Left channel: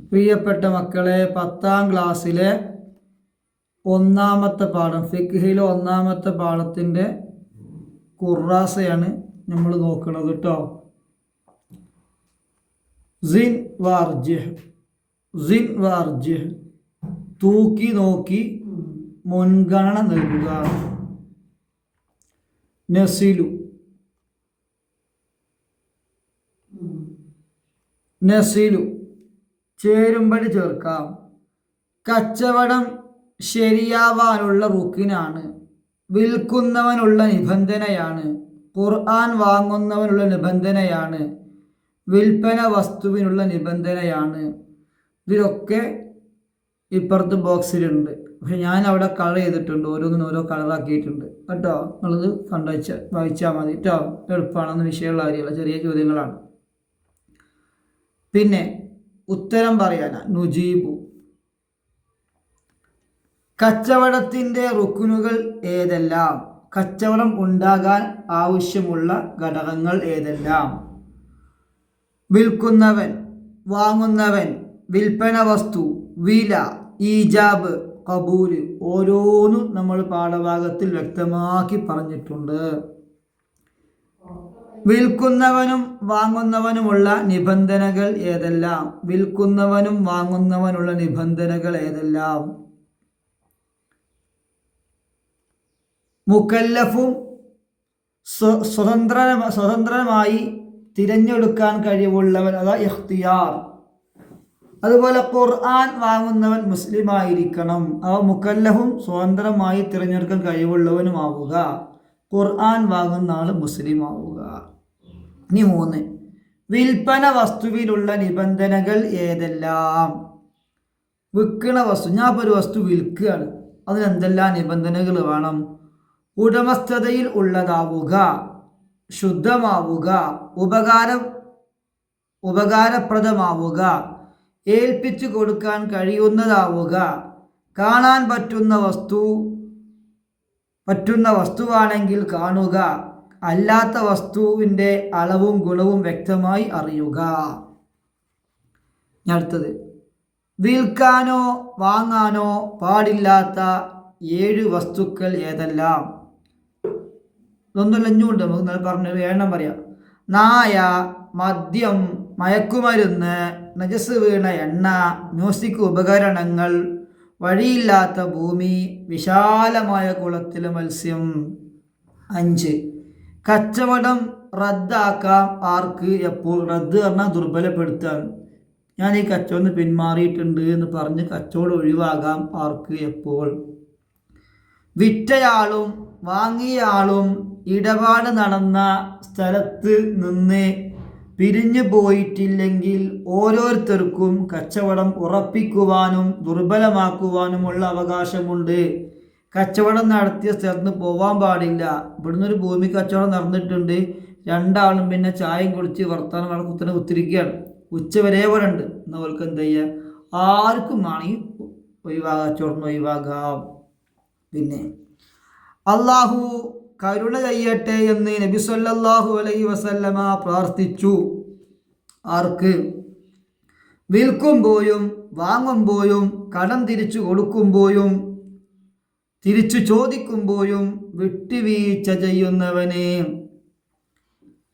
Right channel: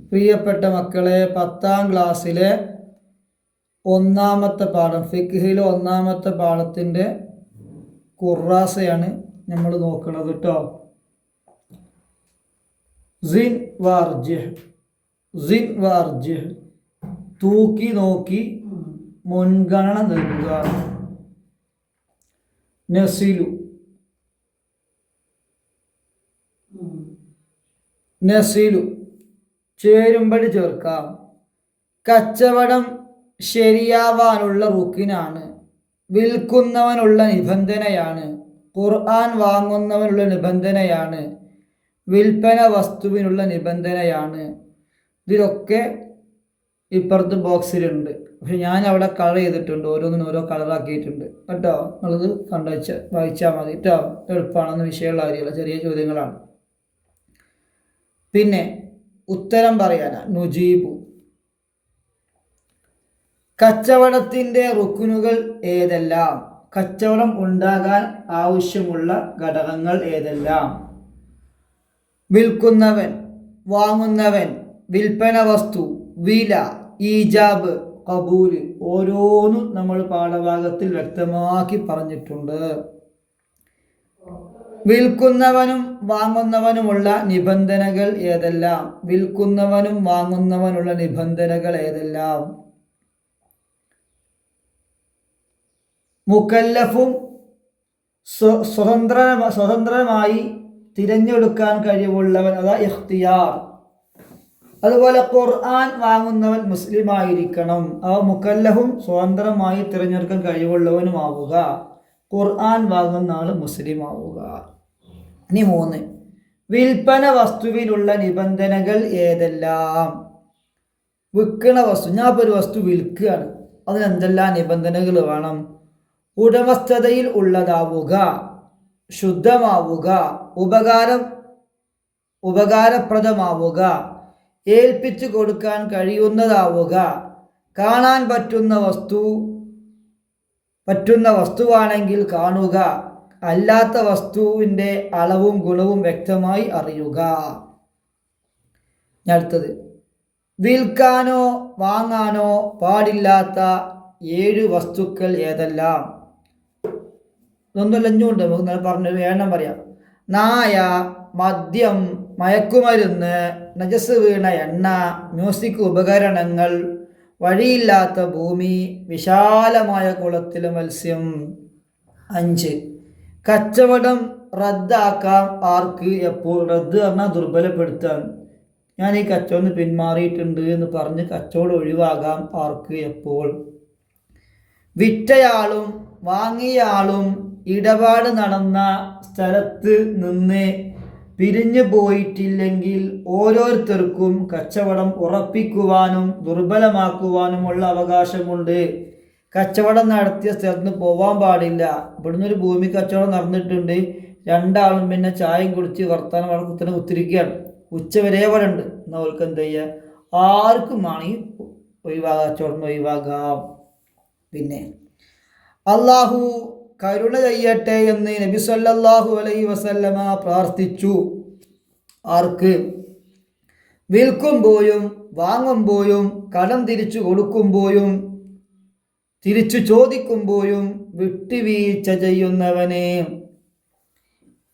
പ്രിയപ്പെട്ട മക്കളെ, 10ാം ക്ലാസ്സിലെ ഒന്നാമത്തെ പാഠം ഫിഖ്ഹിലെ ഒന്നാമത്തെ പാഠത്തിൻ്റെ ഖുറാസയാണ് നമ്മൾ നോക്കുന്നത് കേട്ടോ. സിൻ വാർജിഹ് തൂക്കി നോക്കി മുൻഗണന നൽകുക. നസിലു ചേരുമ്പടി ചേർക്കാം. കച്ചവടം ശരിയാവാനുള്ള റുക്കിനാണ്. വിൽക്കുന്നവനുള്ള നിബന്ധനയാണ്. ഖുർആൻ വാങ്ങുന്നവനുള്ള നിബന്ധനയാണ്. വിൽപ്പന വസ്തുവിനുള്ള നിബന്ധനയാണ്. ഇതിലൊക്കെ ഇപ്പുറത്ത് ബോക്സിലുണ്ട്. പക്ഷെ ഞാൻ അവിടെ കളർ ചെയ്തിട്ടുണ്ട്, ഓരോന്നിനും ഓരോ കളറാക്കിയിട്ടുണ്ട് കേട്ടോ. നിങ്ങളത് വായിച്ചാൽ മതി കേട്ടോ. എളുപ്പമാണെന്ന് വിഷയമുള്ള കാര്യമല്ല, ചെറിയ ചോദ്യങ്ങളാണ്. പിന്നെ ഉത്തരം പറയാനാ നുജീബു. കച്ചവടത്തിൻ്റെ റുക്കുനുകൾ ഏതെല്ലാം? കച്ചവടം ഉണ്ടാകാൻ ആവശ്യമുള്ള ഘടകങ്ങൾ ഏതെല്ലാം? വിൽക്കുന്നവൻ, വാങ്ങുന്നവൻ, വിൽപ്പന വസ്തു, വില, ഈജാബ്, കബൂല്. ഓരോന്നും നമ്മൾ പാഠഭാഗത്തിൽ വ്യക്തമാക്കി പറഞ്ഞിട്ടുണ്ട്. വിൽക്കുന്നവനും വാങ്ങുന്നവനുമുള്ള നിബന്ധനകൾ ഏതെല്ലാം? വിൽക്കുന്നവനും വാങ്ങുന്നവനുള്ള നിബന്ധനകൾ ഏതെല്ലാം? മുക്കല്ലഫും സ്വതന്ത്രമായി തിരഞ്ഞെടുക്കാൻ കഴിവുള്ളവൻ, അതാ ഇഖ്തിയാർ. അതുപോലെ ഖുർആൻ വാങ്ങുന്നവൻ മുസ്ലിമായിരിക്കണം. മുക്കല്ലഫും സ്വതന്ത്രമായി തിരഞ്ഞെടുക്കാൻ കഴിവുള്ളവനുമാവുക. ഖുർആൻ വാങ്ങുന്ന ആൾ മുസ്ലിം ആവുക. ഇനി 3, വിൽപ്പന വസ്തുവിലുള്ള നിബന്ധനകൾ ഏതെല്ലാം? വിൽക്കണ വസ്തു, ഞാൻ ഇപ്പോൾ ഒരു വസ്തു വിൽക്കുകയാണ്, അതിനെന്തെല്ലാം നിബന്ധനകൾ വേണം? ഉടമസ്ഥതയിൽ ഉള്ളതാവുക, ശുദ്ധമാവുക, ഉപകാരപ്രദമാവുക, ഏൽപ്പിച്ചു കൊടുക്കാൻ കഴിയുന്നതാവുക, കാണാൻ പറ്റുന്ന വസ്തുവാണെങ്കിൽ കാണുക, അല്ലാത്ത വസ്തുവിൻ്റെ അളവും ഗുണവും വ്യക്തമായി അറിയുക. അടുത്തത്, വിൽക്കാനോ വാങ്ങാനോ പാടില്ലാത്ത 7 വസ്തുക്കൾ ഏതെല്ലാം? ഇതൊന്നും ലഞ്ഞുണ്ട്, നമുക്ക് പറഞ്ഞു വേണം പറയാം. നായ, മദ്യം, മയക്കുമരുന്ന്, നജസ് വീണ എണ്ണ, മ്യൂസിക് ഉപകരണങ്ങൾ, വഴിയില്ലാത്ത ഭൂമി, വിശാലമായ കുളത്തിലെ മത്സ്യം. 5, കച്ചവടം റദ്ദാക്കാം ആർക്ക്, എപ്പോൾ? റദ്ദ് പറഞ്ഞാൽ ദുർബലപ്പെടുത്താൻ. ഞാൻ ഈ കച്ചവടം പിന്മാറിയിട്ടുണ്ട് എന്ന് പറഞ്ഞ് കച്ചവടം ഒഴിവാകാം ആർക്ക്, എപ്പോൾ? വിറ്റയാളും വാങ്ങിയയാളും ഇടപാട് നടന്ന സ്ഥലത്ത് നിന്ന് പിരിഞ്ഞു പോയിട്ടില്ലെങ്കിൽ ഓരോരുത്തർക്കും കച്ചവടം ഉറപ്പിക്കുവാനും ദുർബലമാക്കുവാനുമുള്ള അവകാശമുണ്ട്. കച്ചവടം നടത്തിയ സ്ഥലത്ത് നിന്ന് പോവാൻ പാടില്ല. ഇവിടുന്ന് ഒരു ഭൂമി കച്ചവടം നടന്നിട്ടുണ്ട്, 2 ആളും പിന്നെ ചായയും കുടിച്ച് വർത്താനം കുത്തനെ കുത്തിരിക്കുകയാണ്. ഉച്ചവരെ ഇവിടെ ഉണ്ട്. എന്നാൽ അവർക്ക് എന്ത് ചെയ്യുക? ആർക്കും ആണെങ്കിൽ കച്ചവടം ഒഴിവാകാം. പിന്നെ അള്ളാഹു കരുണ ചെയ്യട്ടെ എന്ന് നബി സല്ലല്ലാഹു അലൈഹി വസല്ലമ പ്രാർത്ഥിച്ചു. ആർക്ക്? വിൽക്കുമ്പോഴും വാങ്ങുമ്പോഴും കടം തിരിച്ചു കൊടുക്കുമ്പോഴും തിരിച്ചു ചോദിക്കുമ്പോഴും വിട്ടുവീഴ്ച ചെയ്യുന്നവനെ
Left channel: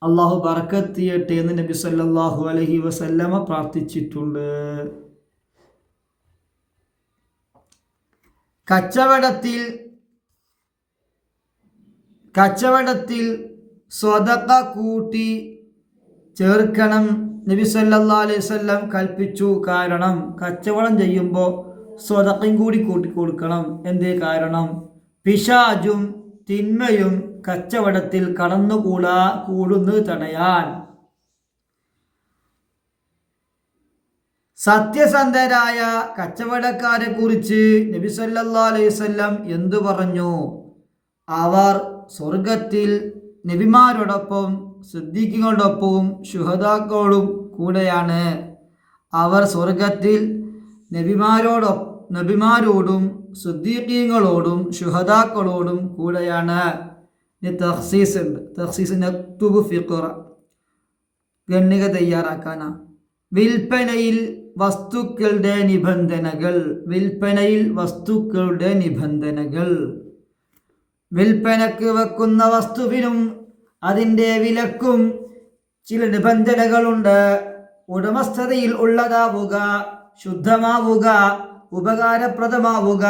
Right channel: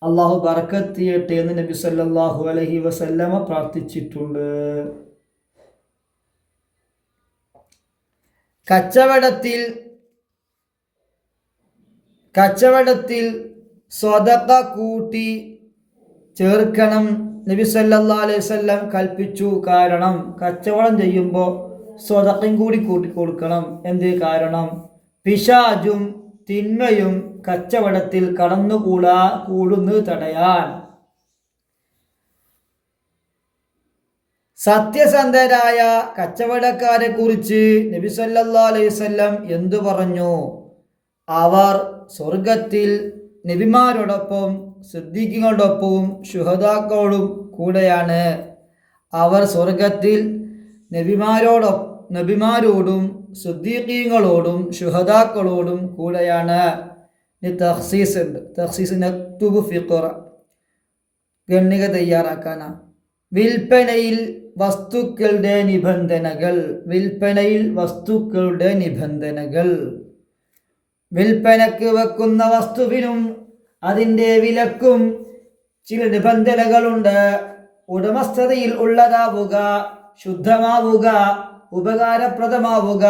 അള്ളാഹു ബർക്കത്ത് ചെയ്യട്ടെ എന്ന് നബി സല്ലല്ലാഹു അലൈഹി വസല്ലമ പ്രാർത്ഥിച്ചിട്ടുണ്ട്. കച്ചവടത്തിൽ സ്വതക്ക കൂട്ടി ചേർക്കണം നബി സല്ലല്ലാഹു അലൈഹി വസല്ലം കൽപ്പിച്ചു. കാരണം കച്ചവടം ചെയ്യുമ്പോൾ സ്വതക്കയും കൂടി കൂട്ടി കൊടുക്കണം. എന്തേ കാരണം? പിശാചും തിന്മയും കച്ചവടത്തിൽ കൂടുന്നത് തടയാൻ. സത്യസന്ധരായ കച്ചവടക്കാരെ കുറിച്ച് നബി സല്ലല്ലാഹു അലൈഹി വസല്ലം എന്തു പറഞ്ഞു? അവർ സ്വർഗത്തിൽ നബിമാരോടൊപ്പം സിദ്ദീഖുകളോടൊപ്പവും ശുഹദാക്കളോടും കൂടെയാണ്. അവർ സ്വർഗത്തിൽ നബിമാരോടും സിദ്ദീഖീങ്ങളോടും ശുഹദാക്കളോടും കൂടെയാണ്. തഖ്സീസ് ഉണ്ട്. തഖ്സീസ് നക്തുബു ഫിഖറ, ഗണ്ണിക തയ്യാറാക്കാനാ. വിൽപ്പനയിൽ വസ്തുക്കളുടെ നിബന്ധനകൾ. വിൽപ്പനയിൽ വസ്തുക്കളുടെ നിബന്ധനകൾ. വിൽപ്പനക്ക് വെക്കുന്ന വസ്തുവിനും അതിൻ്റെ വിലക്കും ചില നിബന്ധനകളുണ്ട്. ഉടമസ്ഥതയിൽ ഉള്ളതാവുക, ശുദ്ധമാവുക, ഉപകാരപ്രദമാവുക,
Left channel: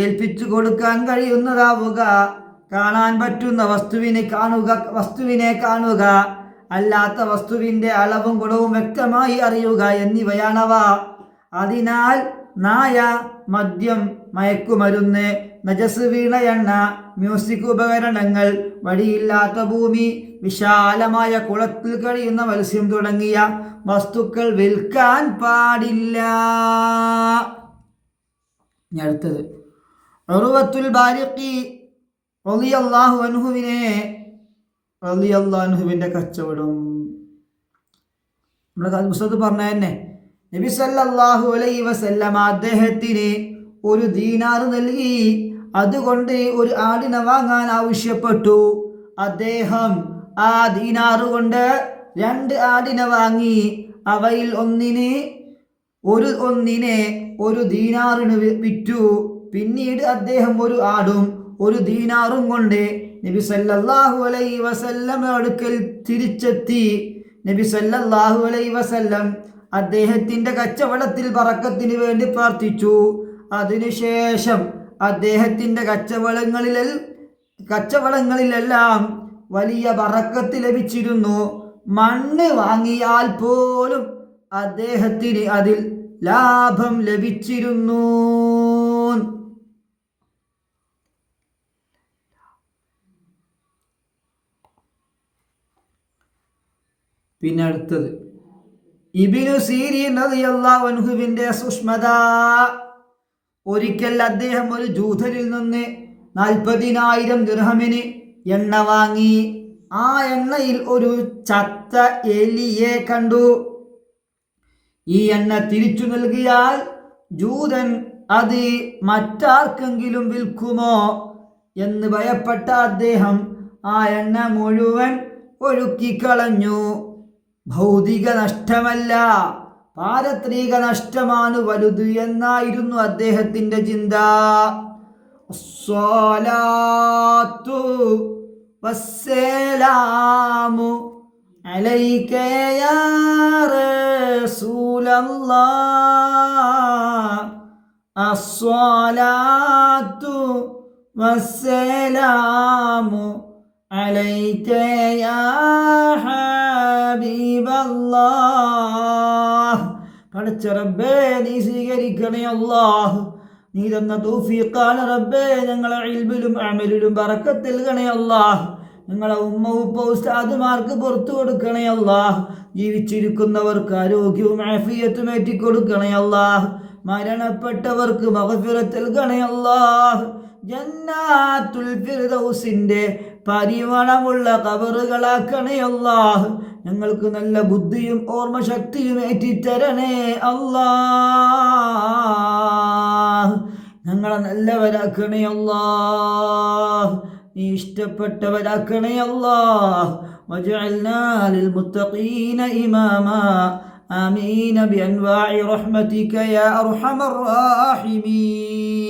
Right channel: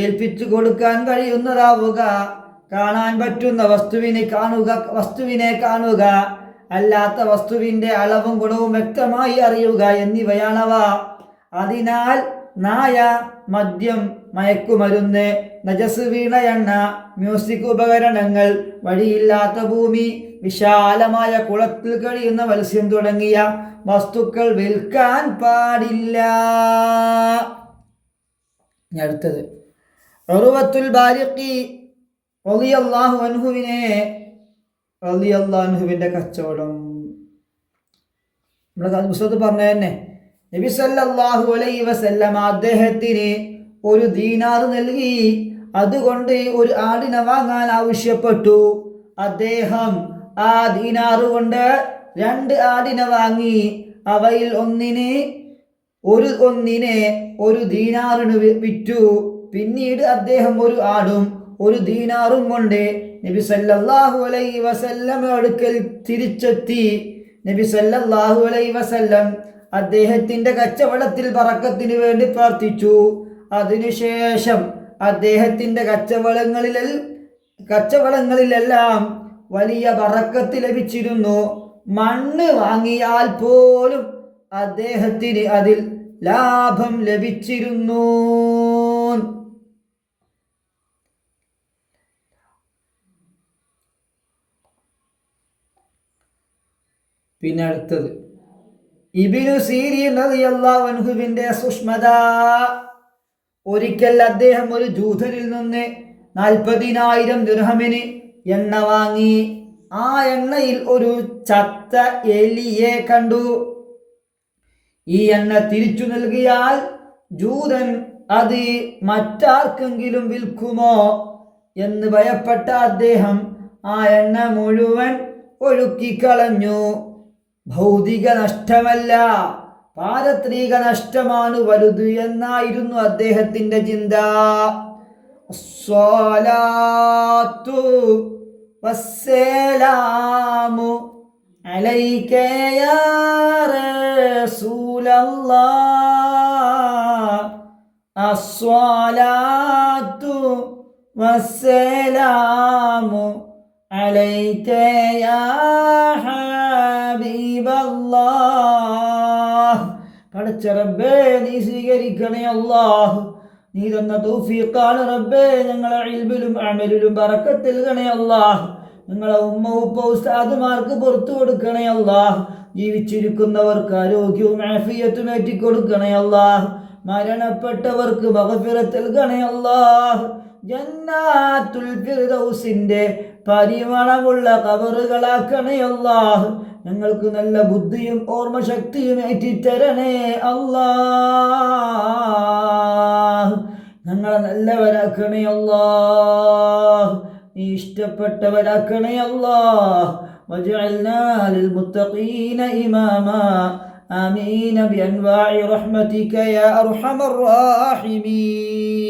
ഏൽപ്പിച്ചു കൊടുക്കാൻ കഴിയുന്നതാവുക, കാണാൻ പറ്റുന്ന വസ്തുവിനെ കാണുക, അല്ലാത്ത വസ്തുവിൻ്റെ അളവും ഗുണവും വ്യക്തമായി അറിയുക എന്നിവയാണവ. അതിനാൽ നായ, മദ്യം, മയക്കുമരുന്ന്, നജസ് വീണ എണ്ണ, മ്യൂസിക് ഉപകരണങ്ങൾ, വഴിയില്ലാത്ത ഭൂമി, വിശാലമായ കുളത്തിൽ കഴിയുന്ന മത്സ്യം തുടങ്ങിയ വസ്തുക്കൾ വിൽക്കാൻ പാടില്ല. അടുത്തത് ഉർവത്തുൽ ബാരിഖി റളിയല്ലാഹു അൻഹുവിൻ്റെ കച്ചവടം. നമ്മുടെ പുസ്തകത്തിൽ പറഞ്ഞ തന്നെ നബി സല്ലല്ലാഹു അലൈഹി വസല്ലം അദ്ദേഹത്തിന് ഒരു ദീനാർ നൽകി. അതുകൊണ്ട് ഒരു ആടിനെ വാങ്ങാൻ ആവശ്യപ്പെട്ടു. അദ്ദേഹം ആ ദീനാറ് കൊണ്ട് 2 ആടിനെ വാങ്ങി. അവയിൽ ഒന്നിനെ ഒരു ദീനാറിന് വിറ്റു. പിന്നീട് അദ്ദേഹം ഒരു ആടും ഒരു ദീനാറും കൊണ്ട് നബി സല്ലല്ലാഹു അലൈഹി വസല്ലം അടുക്കൽ തിരിച്ചെത്തി. നബി സല്ലല്ലാഹു അലൈഹി വസല്ലം അദ്ദേഹത്തിൻ്റെ കച്ചവടത്തിൽ ബറക്കത്തിന് വേണ്ടി പ്രാർത്ഥിച്ചു. അതിനുശേഷം അദ്ദേഹത്തിൻ്റെ കച്ചവടങ്ങളിലെല്ലാം വലിയ ബറക്കത്ത് ലഭിച്ചിരുന്നു. മണ്ണ് വാങ്ങിയാൽ പോലും അദ്ദേഹത്തിന് അതിൽ ലാഭം ലഭിച്ചിരുന്നു. പിന്നെ അടുത്തത് ഇബ്നു സീരീൻ റളിയല്ലാഹു അൻഹുവിൻ്റെ സൂക്ഷ്മത. ഒരിക്കൽ അദ്ദേഹം ഒരു ജൂതനിൽ നിന്ന് 40,000 ദിർഹമിന് എണ്ണ വാങ്ങി. ആ എണ്ണയിൽ ഒരു ചത്ത എലിയെ കണ്ടു. ഈ എണ്ണ തിരിച്ചു നൽകിയാൽ ജൂതൻ അത് മറ്റാർക്കെങ്കിലും വിൽക്കുമോ എന്ന് ഭയപ്പെട്ട അദ്ദേഹം ആ എണ്ണ മുഴുവൻ ഒഴുക്കിക്കളഞ്ഞു. ഭൗതിക നഷ്ടമല്ല, പാരത്രിക നഷ്ടമാണ് വലുത് എന്നായിരുന്നു അദ്ദേഹത്തിൻ്റെ ചിന്ത. അസ്സലാത്തു വസ്സലാമു അലൈക യാ റസൂലല്ലാഹ്. അസ്സലാത്തു വസ്സലാമു അലൈക യാ ഹബീബല്ലാഹ്. പടച്ച റബ്ബേ, നീ സ്വീകരിക്കണേ അല്ലാഹ്. നീ തന്ന തൗഫീഖാണ് റബ്ബേ. ഞങ്ങളെ ഇൽമിലും അമലിലും ബറക്കത്ത് നൽകണേ അല്ലാഹ്. ഞങ്ങളെ ഉമ്മ ഉപ്പ ഉസ്താദുമാർക്ക് പുറത്തു കൊടുക്കണേ അല്ലാഹ്. ജീവിച്ചിരിക്കുന്നവർക്ക് ആരോഗ്യവും ആഫിയത്തും ഏറ്റിക്കൊടുക്കണേ അല്ലാഹ്. മരണപ്പെട്ടവർക്ക് മഗ്ഫിറത്ത് നൽകണേ അല്ലാഹ്. ജന്നാത്തുൽ ഫിർദൗസിന്റെ പരിമളമുള്ള ഖബറുകളാക്കണേ അല്ലാഹ്. ഞങ്ങൾക്ക് നല്ല ബുദ്ധിയും ഓർമ്മശക്തിയും ഏറ്റിത്തരണേ അല്ലാഹ്. ഞങ്ങളെ നല്ലവരാക്കണേ അല്ലാഹ്. നീ ഇഷ്ടപ്പെട്ടവരാക്കണേ അല്ലാഹ്. വജഅൽനാ ലിൽമുത്തഖീന ഇമാമാ. ആമീൻ ബിഅൻവാഇ റഹ്മതിക യാ അർഹമർ റാഹിമീൻ.